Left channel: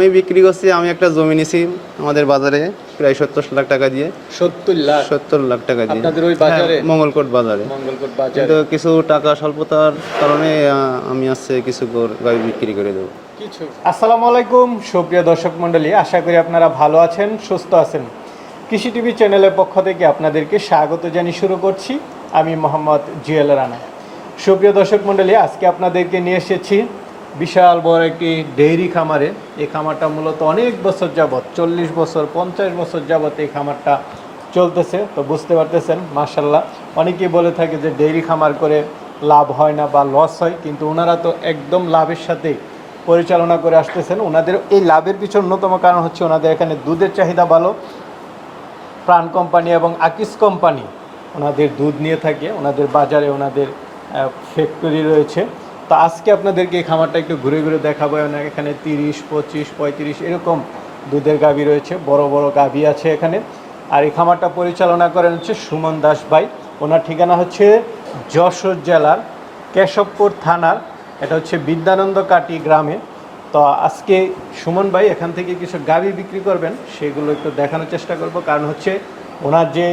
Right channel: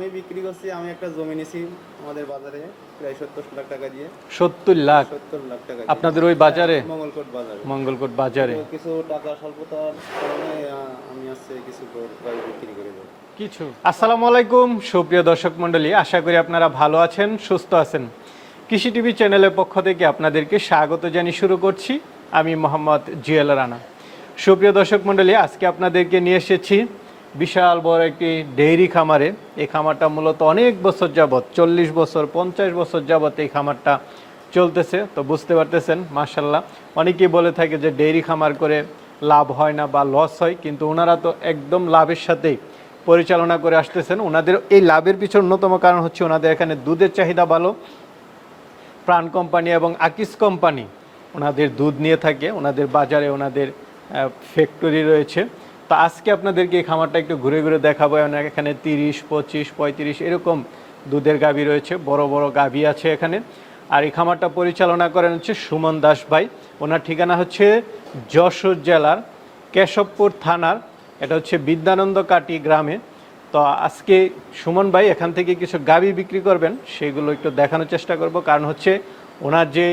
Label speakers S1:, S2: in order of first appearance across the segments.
S1: আমি বিক্রি করছি আমি একটা জমি নিছি আমাদের বাজারে প্রায় সত্তর লাখ টাকা দিয়ে।
S2: সত্তর লাখ?
S1: সত্তর লাখ টাকা দিয়ে।
S2: আপনাদের ওই বাজারে?
S1: হ্যাঁ, মঙ্গলকোট বাজারে।
S2: মঙ্গলকোট বাজারে।
S1: কিন্তু কিছু টাকা স্বল্পতার কারণে আমি আসছে কিছু গর- গাড়ি বিক্রি করে দেবো।
S2: কিছু? আসসালামু আলাইকুম সুপ্রিয় দর্শক মণ্ডলী। আশা করি আপনারা ভালো আছেন সুস্থ আছেন। কৃষি টিভি চ্যানেলের পক্ষ থেকে আপনাদেরকে স্বাগত জানিয়ে শুরু করছি। আমি মোহাম্মদ জিয়াল রানা। সুপ্রিয় দর্শক মণ্ডলী আজকে আপনাদেরকে নিয়ে এসেছি বিশাল বড় একটি ডেইরি খামারে। এই খামারটা মূলত অনেক বছর যাবত চল্লিশ বছর, পঞ্চাশ বছর যাবত এই খামারটা চলতেছে। তো বুঝতে পারতেছেন মার্শাল্লাহ অনেকেই বলে থাকে যে ডেইরি খামার করে লাভ হয় না বা লস হয়, কিন্তু ওনারা তো একদম লাভের সাথেই পরিচালনা করে আসতেছেন। ওনাদের এই লাভের পিছনে অন্যতম কারণ হচ্ছে ওনাদের এখানে দুধের চাহিদা ভালো, প্রাণ কোম্পানি এবং আকিস কোম্পানি। ওনাদের দুধ নিয়ে থাকে ওনাদের বাজারে ওনাদের ফ্যাক্টরি রয়েছে। তো আজকে আপনাদেরকে এই খামারটা একটু ঘুরে ঘুরে দেখাবো। এখানে তিরিশ, পঁচিশ, পঁয়ত্রিশ এরকম দুধের গাভী রয়েছে, বড় বড় গাভী আছে এখানে। আর এই খামারটা পরিচালনা করেন হচ্ছে সুমন দাস ভাই। ওনার ঠিকানা হচ্ছে যশোর জেলার কেশবপুর থানার, এটা হচ্ছে বিদ্যানন্দ কাটি গ্রামে। তো আজকে সুমন ভাই এখান থেকে কিছু গাভী বিক্রি করবেন, সেগুলো একটু দেখানোর চেষ্টা করব। কারণ হচ্ছে ওনার যে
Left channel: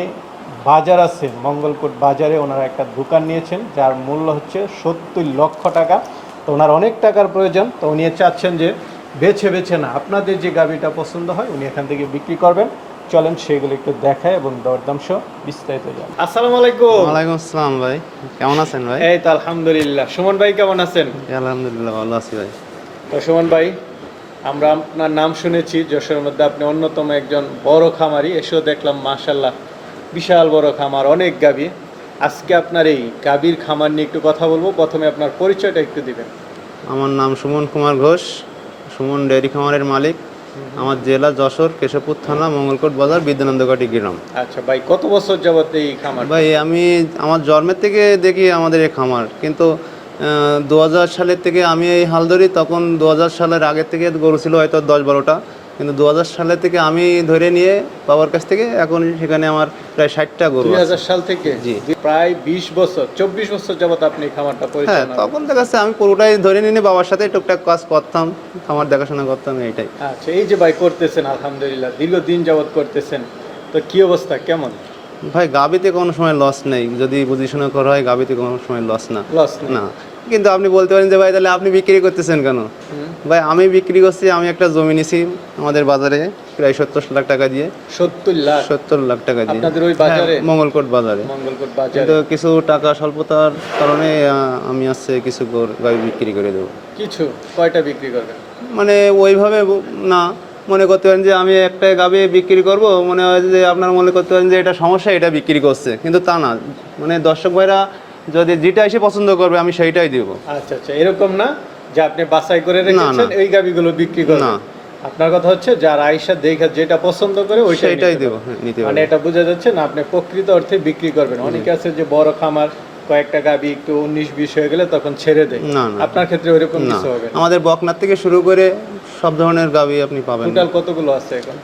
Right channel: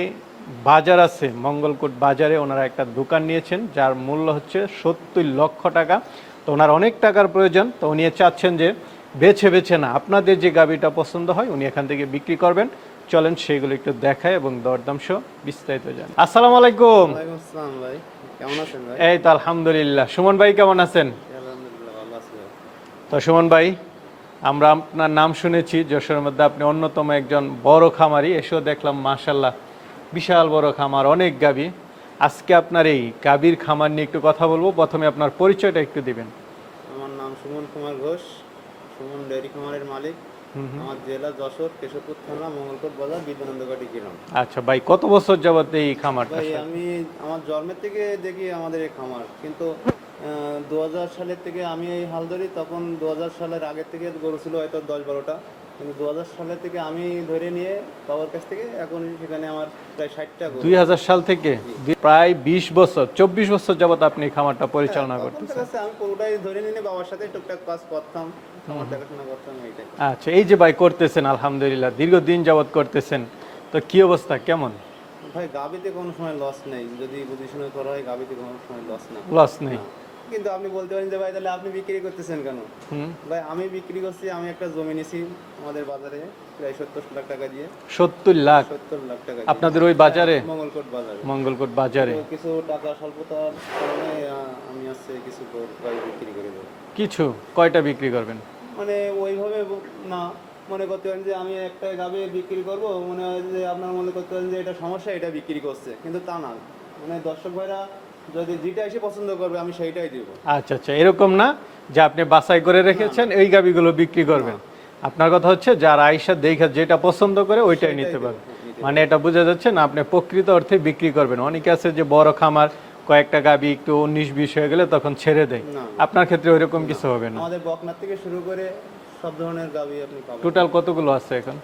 S2: বাজার আছে মঙ্গলকোট বাজারে ওনারা একটা দোকান নিয়েছেন যার মূল্য হচ্ছে সত্তর লক্ষ টাকা। তো ওনার অনেক টাকার প্রয়োজন তো উনি চাচ্ছেন যে বেছে বেছে না আপনাদের যে গাভীটা পছন্দ হয় উনি এখান থেকে বিক্রি করবেন। চলেন সেগুলো একটু দেখায় এবং দরদাম সহ বিস্তারিত যান আসসালামু আলাইকুম।
S1: ওয়ালাইকুম আসসালাম ভাই কেমন আছেন ভাই?
S2: এই তো আলহামদুলিল্লাহ। সুমন ভাই কেমন আছেন?
S1: আলহামদুলিল্লাহ ভালো আছি ভাই।
S2: তো সুমন ভাই আমরা আপনার নাম শুনেছি যশোরের মধ্যে আপনি অন্যতম একজন বড় খামারি এসেও দেখলাম মাশাল্লাহ বিশাল বড় খামার অনেক গাভী। আজকে আপনার এই গাভীর খামার নিয়ে একটু কথা বলব। প্রথমে আপনার পরিচয়টা একটু দিবেন।
S1: আমার নাম সুমন কুমার ঘোষ। সুমন ডেয়ারি খামারের মালিক। আমার জেলা যশোর কেশবপুর থানা মঙ্গলকোট বাজার বিদ্যানন্দকাটি গ্রাম।
S2: আচ্ছা ভাই কত বছর যাবত এই খামার
S1: ভাই আমি আমার জন্মের থেকে দেখি আমাদের এই খামার। কিন্তু দু হাজার সালের থেকে আমি এই হাল ধরি তখন দু হাজার সালের আগের থেকে গরু ছিল হয়তো দশ বারোটা। কিন্তু দু সালের থেকে আমি ধরে নিয়ে বাবার কাছ থেকে এখন সেখানে আমার প্রায় ষাটটা গরু
S2: দুই হাজার সাল থেকে?
S1: জি।
S2: প্রায় বিশ বছর চব্বিশ বছর যাবত আপনি খামারটা
S1: হ্যাঁ
S2: পরিচালনা
S1: তখন দেখা যাচ্ছে আমি পুরোটাই ধরে নিয়ে বাবার সাথে টুকটাক কাজ করতাম খামার দেখাশোনা করতাম এইটাই।
S2: আচ্ছা এই যে ভাই করতেছেন আলহামদুলিল্লাহ দীর্ঘদিন যাবত করতেছেন তো কি অবস্থা কেমন?
S1: ভাই গাবিতে কোনো সময় লস নেই যদি বুঝিশোনা করা হয় গাবিতে কোনো সময় লস না।
S2: লস
S1: না। কিন্তু আপনি বলতে পারেন যে ভাই তাহলে আপনি বিক্রি করতেছেন কেন? ভাই আমি বিক্রি করছি আমি একটা জমি নিছি আমাদের বাজারে প্রায় সত্তর লাখ টাকা দিয়ে।
S2: সত্তর লাখ?
S1: সত্তর লাখ টাকা দিয়ে।
S2: আপনাদের ওই বাজারে?
S1: হ্যাঁ, মঙ্গলকোট বাজারে।
S2: মঙ্গলকোট বাজারে।
S1: কিন্তু কিছু টাকা স্বল্পতার কারণে আমি আসছে কিছু গাড়ি বিক্রি করে দেবো।
S2: কিছু? কয়টা বিক্রি করবেন?
S1: মানে ওইভাবে না। মনে করতে পারেন যে আমি একটা গাবে বিক্রি করব মনে হয় যে আপনার মনে করতে পারেন যে এটা সমস্যা এটা বিক্রি করছে। কিন্তু তা না। মানে দর্শক ভাইরা যদি যেটা এসে পছন্দ করবে আমি সেইটাই দিব।
S2: আচ্ছা আচ্ছা এরকম না যে আপনি বাছাই করে রেখেছেন এই গাবিগুলো বিক্রি করবেন।
S1: না।
S2: আপনার কথা হচ্ছে যারা আইসা দেখে যেটা পছন্দ করে ওইটাই নিতে
S1: হ্যাঁ,
S2: মানে এটা বোঝা যাচ্ছে না আপনি প্রকৃত অর্থে বিক্রি করবেন। অনেকে আছে যে বড় খামার কয়েকটা গাবি একটু উনিশ বিশ হয়ে গেলে তখন ছেড়ে দেয়। আপনার ক্ষেত্রে ওইরকম কিছু হবে না।
S1: আমাদের বকনার থেকে শুরু করে সব ধরনের গাবি আপনি পাবেন।
S2: টোটাল কতগুলো আছে এখন?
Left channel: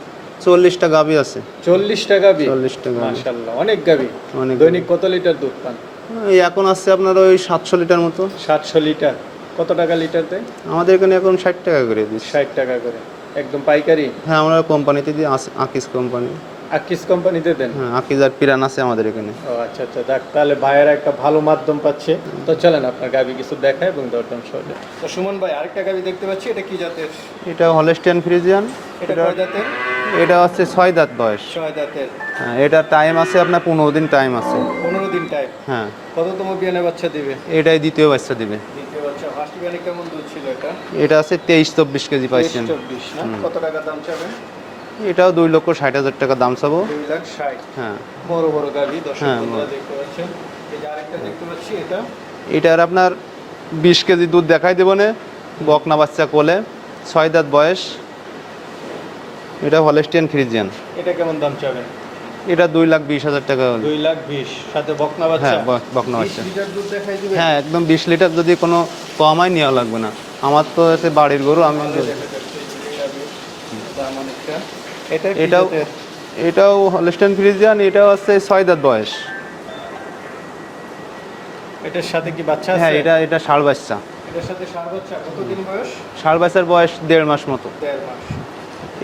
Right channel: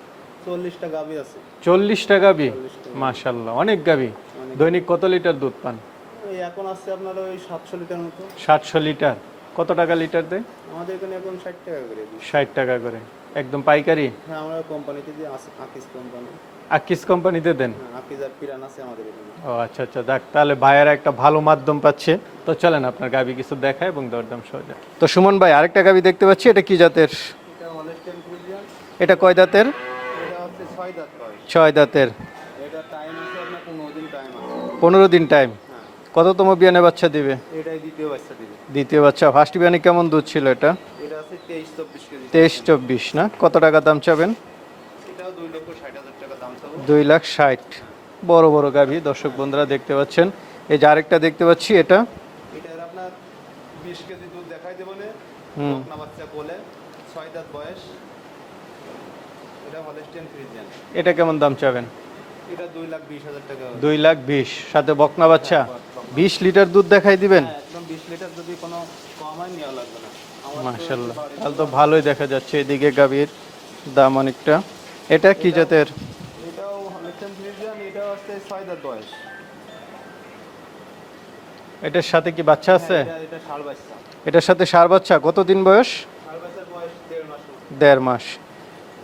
S1: চল্লিশটা গাবি আছে।
S2: চল্লিশটা গাবি?
S1: চল্লিশটা
S2: মাশাল্লাহ অনেক গাবি।
S1: অনেক
S2: দৈনিক কত লিটার দুধ পান?
S1: এই এখন আসছে আপনার ওই সাতশো লিটার মতো।
S2: সাতশো লিটার। কত টাকা লিটার দেয়
S1: আমাদের এখানে এখন ষাট টাকা করে দিচ্ছি।
S2: ষাট টাকা করে। একদম পাইকারি?
S1: হ্যাঁ আমরা কোম্পানিতে দিই আকিস কোম্পানি।
S2: আকিস কোম্পানিতে দেন?
S1: হ্যাঁ আকিস আর পিরান আছে আমাদের এখানে।
S2: ও আচ্ছা আচ্ছা দেখ তাহলে ভাইয়েরা একটা ভালো মাধ্যম পাচ্ছে। তো চলেন আপনার গাবি কিছু দেখায় এবং দরদাম সহজে তো সুমন ভাই আরেকটা গাবি দেখতে পাচ্ছি এটা কি জাতের?
S1: এটা হলেস্টিয়ান ফ্রিজিয়ান।
S2: এটা কয় দাঁতের
S1: এটা হচ্ছে ছয় দাঁত বয়স।
S2: ছয় দাঁতের।
S1: হ্যাঁ এটা টাইম আছে আপনার পনেরো দিন টাইম আছে।
S2: পনেরো দিন টাইম
S1: হ্যাঁ।
S2: কততম বিয়ানে বাচ্চা দিবে?
S1: এটাই দ্বিতীয় বাচ্চা দিবে।
S2: দ্বিতীয় বাচ্চা। ফার্স্ট বিয়ানে কেমন দুধ ছিল এটা?
S1: এটা আছে তেইশ চব্বিশ কেজি
S2: তেইশ চব্বিশ না? কত টাকা দাম চাবেন?
S1: এটাও দুই লক্ষ ষাট হাজার টাকা দাম চাবো।
S2: দুই লাখ ষাট।
S1: হ্যাঁ।
S2: বড় বড় গাভি দর্শক
S1: হ্যাঁ,
S2: বন্ধুরা দেখতে পাচ্ছেন। এই যে আরেকটা দেখতে পাচ্ছি এটা?
S1: এটার আপনার বিশ কেজি দুধ দেখাই দেবো না। বকনা বাচ্চা কোলে। ছয় দাঁত বয়স। এটা হলেস্টিয়ান ফ্রিজিয়ান
S2: এটা কেমন দাম চাবেন?
S1: এটা দুই লাখ বিশ হাজার টাকা।
S2: দুই লাখ বিশ সাথে বকনা বাচ্চা?
S1: হ্যাঁ, বক- বকনা
S2: বিশ
S1: বাচ্চা।
S2: লিটার দুধ দেখাই দিবেন?
S1: হ্যাঁ একদম বিশ লিটার যদি কোনো কমাই নেওয়া লাগবে না। আমার তো এতে বাড়ির গরু আমি
S2: ভালোই দেখা যাচ্ছে এদিকে গাভীর দাম অনেকটা। এটা কি
S1: এটাও
S2: জাতের?
S1: এটাও হলস্টেন ফ্রিজিয়ান এটাও আছে ছয় দাঁত বয়স।
S2: এটার সাথে কি বাচ্চা
S1: হ্যাঁ এটা এটা ষাড় বাচ্চা।
S2: এটার সাথে সার বাচ্চা কতদিন বয়স?
S1: ষাড় বাচ্চার বয়স দেড় মাস মতো।
S2: দেড় মাস।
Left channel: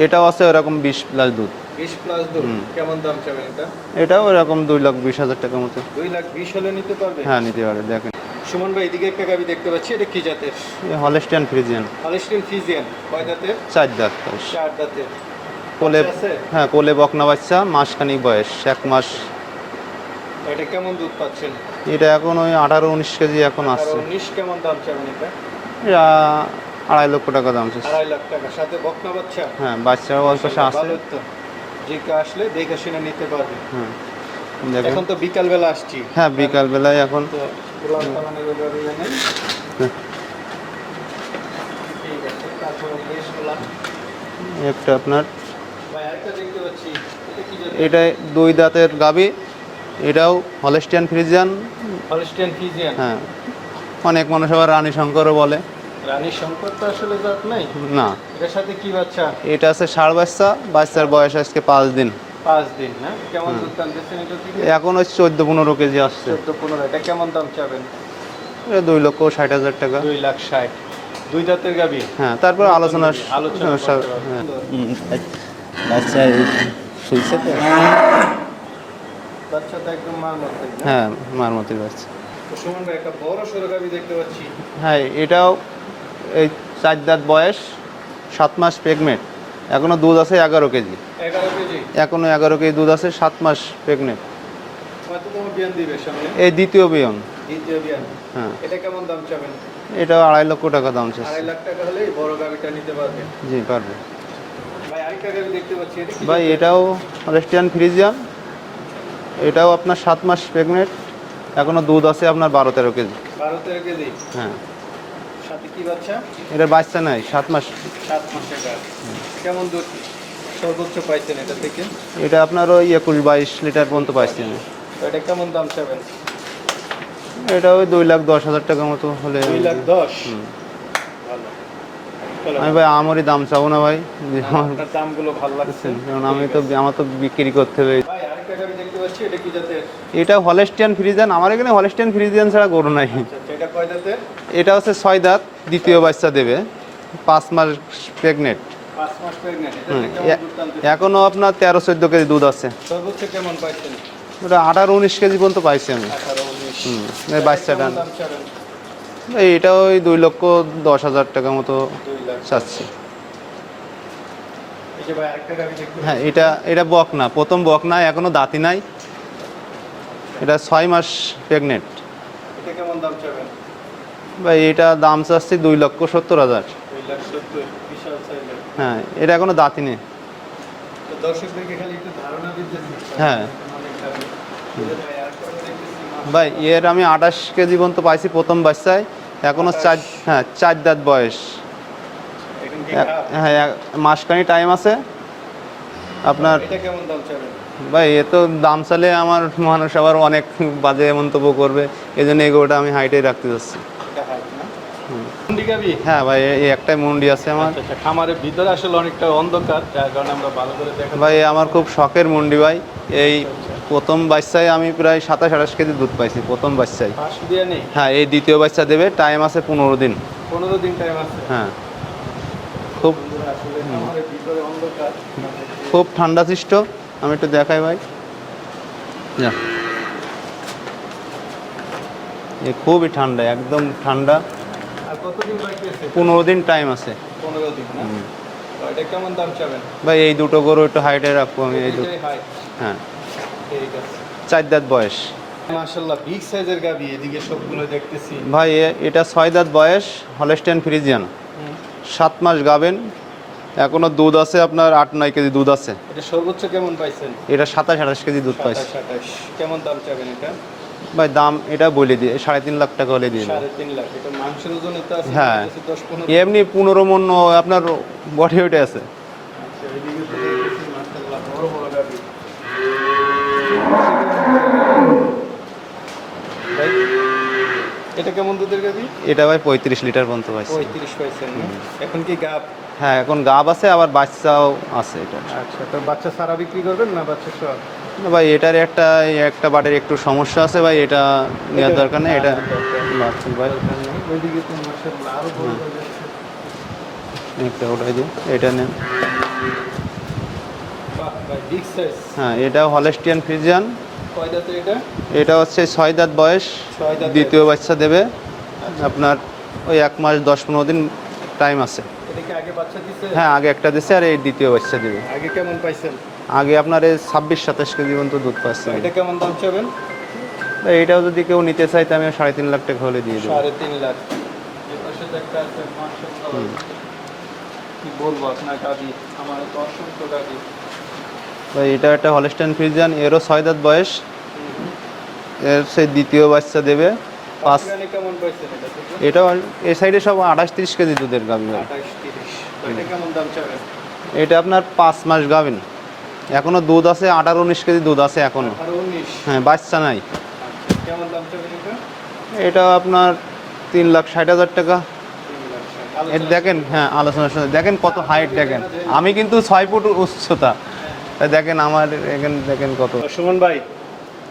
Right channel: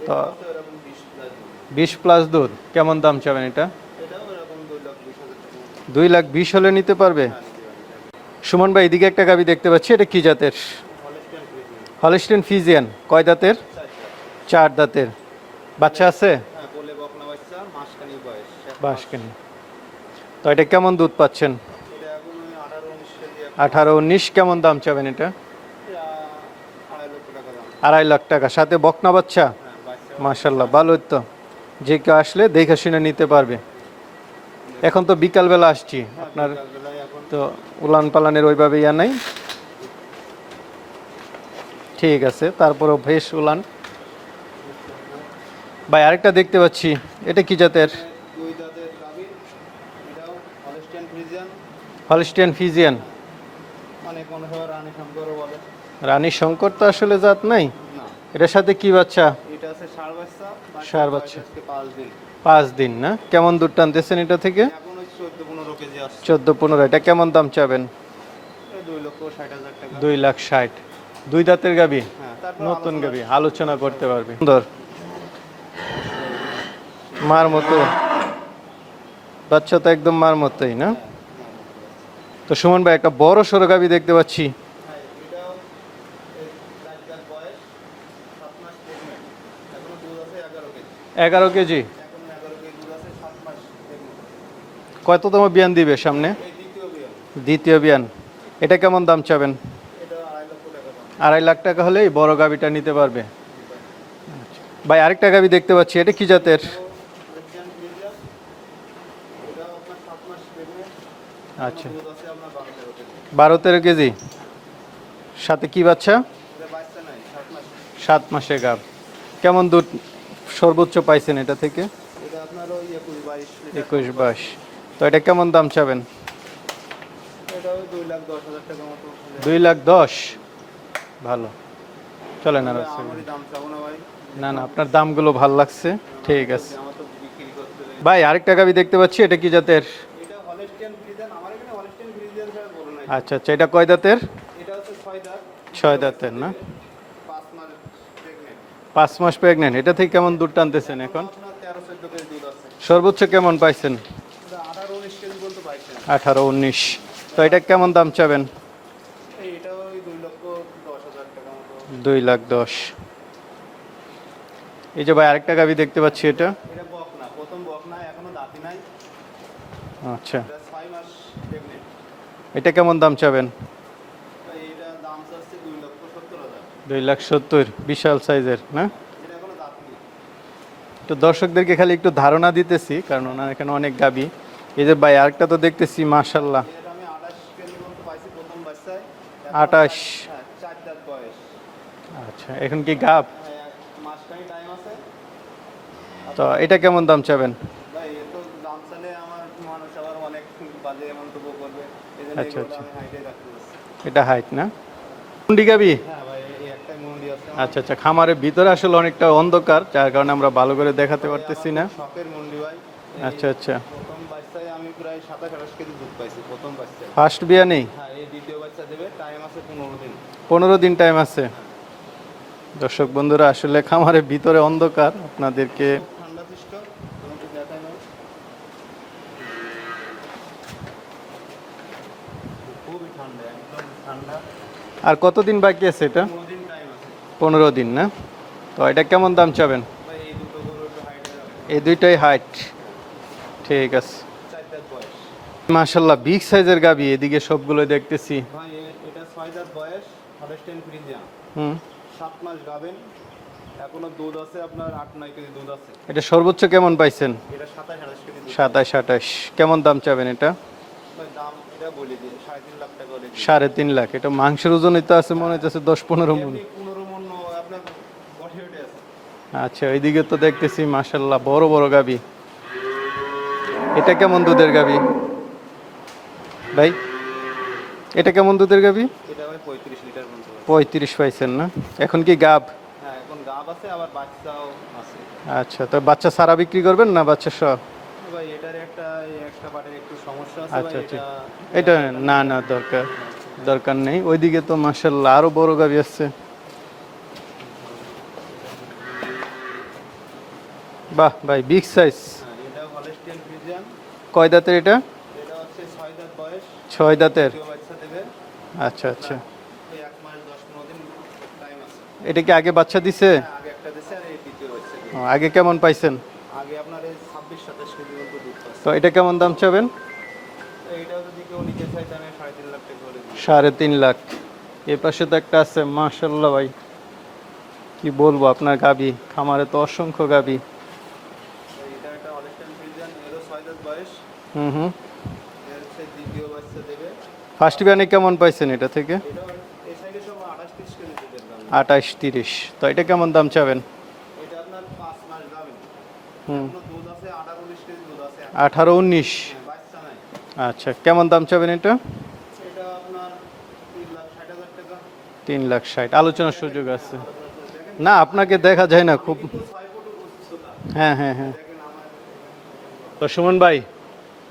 S1: এটাও আছে ওরকম বিশ প্লাস দুধ।
S2: বিশ প্লাস দুধ? কেমন দাম চাবেন এটা?
S1: এটাও এরকম দুই লাখ বিশ হাজার টাকার মতো।
S2: দুই লাখ বিশ হলে নিতে পারবে?
S1: হ্যাঁ নিতে পারে দেখেন।
S2: সুমন ভাই এদিকে একটা গাবি দেখতে পাচ্ছি এটা কি জাতের?
S1: হলেস্টিয়ান ফ্রিজিয়ান।
S2: হলিস্টেন ফিজিয়ান কয় দাঁতের?
S1: চার দাঁত।
S2: চার দাঁতের। বাচ্চা আছে?
S1: হ্যাঁ কোলে বকনা বাচ্চা মাসখানিক বয়স এক মাস।
S2: তো এটা কেমন দুধ পাচ্ছেন?
S1: এটা এখন ওই আঠারো উনিশ কেজি এখন
S2: আঠারো উনিশ কেমন দাম চাবেন এটা
S1: আড়াই লক্ষ টাকা দাম।
S2: আড়াই লাখ টাকা। সাথে বকনা বাচ্চা?
S1: হ্যাঁ
S2: মাশাআল্লাহ। ভালো তো। যে কেউ আসলে দেখে শুনে নিতে পারবে।
S1: হ্যাঁ
S2: এখন তো বিকাল বেলা আসছি।
S1: হ্যাঁ বিকাল বেলায় এখন।
S2: তো উলান পালানের ওইভাবে ইয়া নাই। ঠিক আছে তারপরেও ভেস উলান।
S1: একটা আপনার
S2: ভাই আরেকটা দেখতে পাচ্ছি। এটা কি জাতের?
S1: এটা দুই দাঁতের গাবি। এটাও হলেস্টিয়ান ফ্রিজিয়ান
S2: হলিস্টিয়ান ফিজিয়ান
S1: হ্যাঁ। অনেক মানুষ আবার রানী শঙ্করও বলে।
S2: রানী শঙ্কর তো আসলে জাত নাই।
S1: না।
S2: এটার সাথে কি বাচ্চা?
S1: এটা আছে ষাড় বাচ্চা। বাচ্চার বয়স আজকে পাঁচ দিন।
S2: পাঁচ দিন না? কেমন দুধ টানতেছেন এটা থেকে?
S1: এখন ওই চোদ্দ পনেরো কেজি আসছে।
S2: চোদ্দ পনেরো এটা কেমন দাম চাবেন?
S1: দুই লক্ষ ষাট হাজার টাকা।
S2: দুই লাখ ষাট। দুই দাঁতের গাবি?
S1: হ্যাঁ তারপর আলোচনা
S2: আলোচনা
S1: হ্যাঁ,
S2: করতে পারবে
S1: হ্যাঁ।
S2: সুন্দর।
S1: বাচ্চা
S2: মার মতোই। বাচ্চা তো একদম মার মতোই না?
S1: হ্যাঁ মার মতোই বাচ্চা।
S2: তো সুমন ভাই একটা বড় সরো গাবি দেখতে পাচ্ছি।
S1: হ্যাঁ এটাও এই চার দাঁত বয়স সাত মাস প্রেগনেন্ট এখনও দুধ আছে এগারো কেজি।
S2: এগারো কেজি?
S1: এখনও এগারো কেজি দুধ আছে সাত মাস প্রেগনেন্ট
S2: কততম বিয়ান দিবে সামনে?
S1: এই দ্বিতীয় বিয়ন।
S2: দ্বিতীয় বিয়ান।
S1: হ্যাঁ।
S2: এটা কেমন দাম চাবেন?
S1: এটাও আড়াই লক্ষ টাকা দাম
S2: আড়াই লাখ টাকা হলে এই বড় গাবিটা নিতে পারবে।
S1: জি পারবে।
S2: ভাই আরেকটা গাবি দেখতে পাচ্ছি এটা কি জাতের?
S1: এটাও রেস্টিয়ান ফ্রিজিয়ান এটাও আপনার সাত মাস প্রেগনেন্ট এখনও দুধ আছে আপনার বারো তেরো কেজি।
S2: বারো তেরো কেজি?
S1: হ্যাঁ।
S2: সাথে কি বাচ্চা?
S1: এটা বাচ্চা নাই সাত মাস
S2: সাত মাসের গাছ। কেমন দুধ সর্বোচ্চ পাইছেন এটা থেকে?
S1: এটা আপনার ওই একুশ বাইশ লিটার পর্যন্ত পাইছেন।
S2: তো এটা কেমন দাম চাবেন?
S1: এটা ওই দুই লাখ দশ হাজার টাকার মতো হলে
S2: দুই লাখ দশ? ভালো।
S1: আমি ভাই আমারই দাম চাবো না ভাই।
S2: আপনার দামগুলো ভালো লাগছে।
S1: আমার তো বিক্রি করতে হবে।
S2: ভাই আরেকটা গাবি দেখতে পাচ্ছি এটা কি জাতের?
S1: এটা হলেস্টিয়ান ফ্রিজিয়ান। আমার এখানে হলেস্টিয়ান ফ্রিজিয়ান ছাড়া গরু নাই।
S2: আচ্ছা আচ্ছা এটা কয় দাঁতের
S1: এটা হচ্ছে ছয় দাঁত দ্বিতীয় বাচ্চা দেবে। পাঁচ মাস প্রেগনেন্ট
S2: পাঁচ মাস প্রেগনেন্ট এটা থেকে কেমন দুধ টানতেছে
S1: এখনও আপনার তেরো চোদ্দ কেজি দুধ আছে।
S2: সর্বোচ্চ কেমন পাইছেন?
S1: ওটা আঠারো উনিশ কেজি পর্যন্ত পাইছি আমি
S2: আঠারো উনিশ। কেমন
S1: দাম
S2: চাবেন?
S1: এটা ওই দুই লক্ষ দশ হাজার টাকা মতো।
S2: দুই লাখ দশ। এই যে ভাই আরেকটা গাবি দেখতে
S1: হ্যাঁ,
S2: পাচ্ছি
S1: এটা
S2: এটা?
S1: এটা বক না প্রথম বক না এখনও দাঁতি নাই।
S2: আচ্ছা।
S1: এটা ছয় মাস প্রেগনেন্ট
S2: এটা কেমন দাম চাবেন?
S1: ভাই এটা দাম চাচ্ছি দুই লক্ষ সত্তর হাজার।
S2: দুই লাখ সত্তর বিশাল সাইজের
S1: হ্যাঁ এটা এখনও দাঁতি নেই।
S2: তো দর্শকদেরকে খালি একটু ধারণা দিতেছি কারণ
S1: হ্যাঁ।
S2: এখানে অনেক গাবি। এই যে ভাই আরেকটা তো দেখতেছি
S1: ভাই
S2: মাশাআল্লাহ।
S1: এর আমি আঠাশ কেজি পর্যন্ত পাইছি প্রথম বাচ্চায়।
S2: এখনও
S1: চার হ্যাঁ চার দাঁত বয়স।
S2: আচ্ছা, এখন কি গাব?
S1: হ্যাঁ মাসখানি টাইম আছে।
S2: আপনার এটা কেমন দাম চাবেন?
S1: ভাই এ তো দাম চালে আমার মানুষ আবার অনেক বাজে মন্তব্য করবে। এই জন্য এগুলোটা আমি হাইটে রাখতে যাচ্ছি।
S2: এটা হাইট না? মুন্ডি গাবি?
S1: হ্যাঁ ভাই এই একটাই মন্ডি আছে আমার।
S2: আচ্ছা আচ্ছা খামারের ভিতরে আসলে অনেকটা অন্ধকার যার কারণে আমরা ভালো করে দেখা
S1: ভাই আমার খুব শখের মন্ডি ভাই। এই
S2: আচ্ছা, আচ্ছা।
S1: প্রথম বাচ্চায় আমি প্রায় সাতাশ আঠাশ কেজি দুধ পাইছি প্রথম বাচ্চায়।
S2: ফার্স্ট বিয়া নেই
S1: হ্যাঁ এই দ্বিতীয় বাচ্চা দেবে টাইম আছে পনেরো দিন।
S2: পনেরো দিন টাইম আছে?
S1: হ্যাঁ।
S2: দর্শক বন্ধুরা আসলে খামারের ভিতরে অন্ধকার আপনাদেরকে
S1: খুব ঠান্ডা সৃষ্ট। আমি একটু দেখাই ভাই। খুবই ঠান্ডা একদম ঠান্ডা।
S2: আর কতদিন বাকি আছে
S1: পনেরো দিন টাইম আছে।
S2: পনেরো দিন না? তো এটা কেমন দাম চাবেন?
S1: ভাই এই দুটো গরু একটু হাইটে রাখব
S2: এই দুইটাই হাইট
S1: হ্যাঁ।
S2: ঠিক আছে।
S1: চার দাঁত বয়স।
S2: মাশাল্লাহ বিগ সাইজের গাবি এদিকে সবগুলো দেখতেছি।
S1: ভাই এটা ছয় দাঁত বয়স হলেস্টেন ফ্রিজিয়ান
S2: হুম।
S1: সাত মাস গাবেন এখনও দুধ আছে আপনার আট নয় কেজি দুধ আছে।
S2: এটা সর্বোচ্চ কেমন পাইছেন?
S1: এটা সাতাশ আঠাশ কেজি দুধ
S2: সাতাশ আঠাশ। কেমন দাম চাবেন এটা?
S1: ভাই দাম এটা বলে দিয়ে সাড়ে তিন লাখ টাকা হলে দিয়ে
S2: সাড়ে তিন লাখ এটা মাংসের ওজনই তো আছে
S1: হ্যাঁ।
S2: দশ পনেরো
S1: এমনি পনেরো মন আপনার বডি আছে।
S2: আচ্ছা ওইদিকে তো দেখতেছি মাশাল্লাহ বড় বড় গাবি। এটা কেমন দুধের গাবি? ভাই? এটা কেমন দুধের গাবি?
S1: এটা ভাই পঁয়ত্রিশ লিটার পর্যন্ত পাইছে।
S2: পঁয়ত্রিশ পাইছেন না? এখন কি গাব?
S1: হ্যাঁ এখন গাব আছে আবার বাচ্চাও আছে এটা।
S2: আচ্ছা তো বাচ্চা সারা বিক্রি করবেন না বাচ্চা সহ?
S1: ভাই এটার একটা একটা বাটের একটু সমস্যা আছে ভাই এটা দরকার নেই। এটা
S2: দরকার দরকার নেই। ওইদিকে তো মার্শাল্লাহ আরও বড় গাড়ি আসছে।
S1: একটা ওটাই দিন এটা নেন।
S2: বাহ ভাই বিগ সাইজ
S1: হ্যাঁ এটা হলেস্টিয়ান ফ্রিজিয়ান
S2: কয় দাঁতের এটা?
S1: এটা হচ্ছে ছয় দাঁত বয়স।
S2: ছয় দাঁতের।
S1: দ্বিতীয় বাচ্চা দেবে।
S2: আচ্ছা।
S1: আপনার ওই এক মাস দশ পনেরো দিন টাইম আছে।
S2: এটা কি আগে বাচ্চা দিছে?
S1: হ্যাঁ আগে একটা দিচ্ছে আর এই দ্বিতীয় বাচ্চা দিবে।
S2: আগে কেমন পাইছেন?
S1: আগে আপনার এই ছাব্বিশ সাতাশ কেজি পর্যন্ত দুধ পাচ্ছে।
S2: এটা কেমন দাম চাবেন?
S1: এইটাও যদি কেউ নিতে চাই আমি সাড়ে তিন লাখ টাকা হলে দিয়ে
S2: সাড়ে তিন লাখ। এর পাশে তো একটা আছে মার্শাল্লাহ ভাই। কি বলব আপনার গাবি? আমার তো অসংখ্য গাবি।
S1: ভাই এটা একটা হলেস্টাইন ফ্রিজিয়ান এরও ছয় দাঁত বয়স।
S2: হুম হুম।
S1: এর সেই দ্বিতীয় বাচ্চা দেবে।
S2: ফার্স্ট গানে কেমন পাইছেন এটা থেকে?
S1: এটাও এই সাইডে সব আঠাশ তিরিশ কেজি দুধের গাভিন
S2: আঠাশ তিরিশ। তো এটা কেমন দাম চাবেন?
S1: এটা আপনার পাঁচ মাস গাভিন এখনও দুধ আছে আঠারো উনিশ কেজি দুধ আছে এখন।
S2: আঠারো উনিশ?
S1: হ্যাঁ বাচ্চা নাই।
S2: আচ্ছা কেমন দাম চাবেন এটা?
S1: এটা আপনার তিন লাখ ষাট হাজার টাকা।
S2: তিন লাখ ষাট আলোচনা
S1: দেখেন হ্যাঁ
S2: আছে।
S1: আলোচনার দেখেন কত
S2: আপনাকে
S1: দেখেন।
S2: দেখা যায় না।
S1: আমি কিন্তু ছয় ফুট উচ্চতা।
S2: হ্যাঁ হ্যাঁ
S1: দেখেন আমার এখানে দেখেন কত।
S2: সুমন ভাই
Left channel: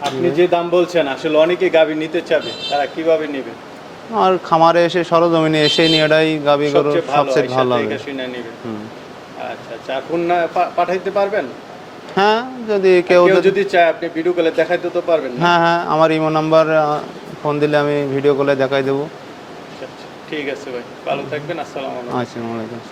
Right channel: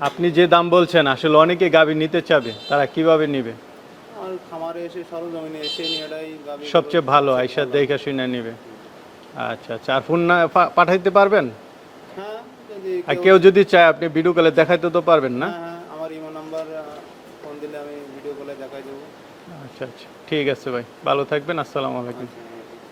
S2: আপনি যে দাম বলছেন আসলে অনেকে গাবি নিতে চাবে তারা কীভাবে নেবে?
S1: আর খামারে এসে সরজমিনে এসে নিয়েটাই গাবি গরু
S2: সবচেয়ে ভালো
S1: সবচেয়ে ভালো।
S2: দেখে শুনে নেবে। আচ্ছা আচ্ছা আর ফোন না পা- পাঠাইতে পারবেন?
S1: হ্যাঁ যদি
S2: কেউ
S1: কেউ
S2: যদি চায় আপনি ভিডিও কলে দেখাইতে তো পারবেন না।
S1: হ্যাঁ হ্যাঁ আমার ইমো নাম্বার ফোন দিলে আমি ভিডিও কলে দেখাই দেবো।
S2: আচ্ছা আচ্ছা ঠিক আছে ভাই ভালো থাকবেন আসসালামু আলাইকুম।
S1: আসসালামু আলাইকুম।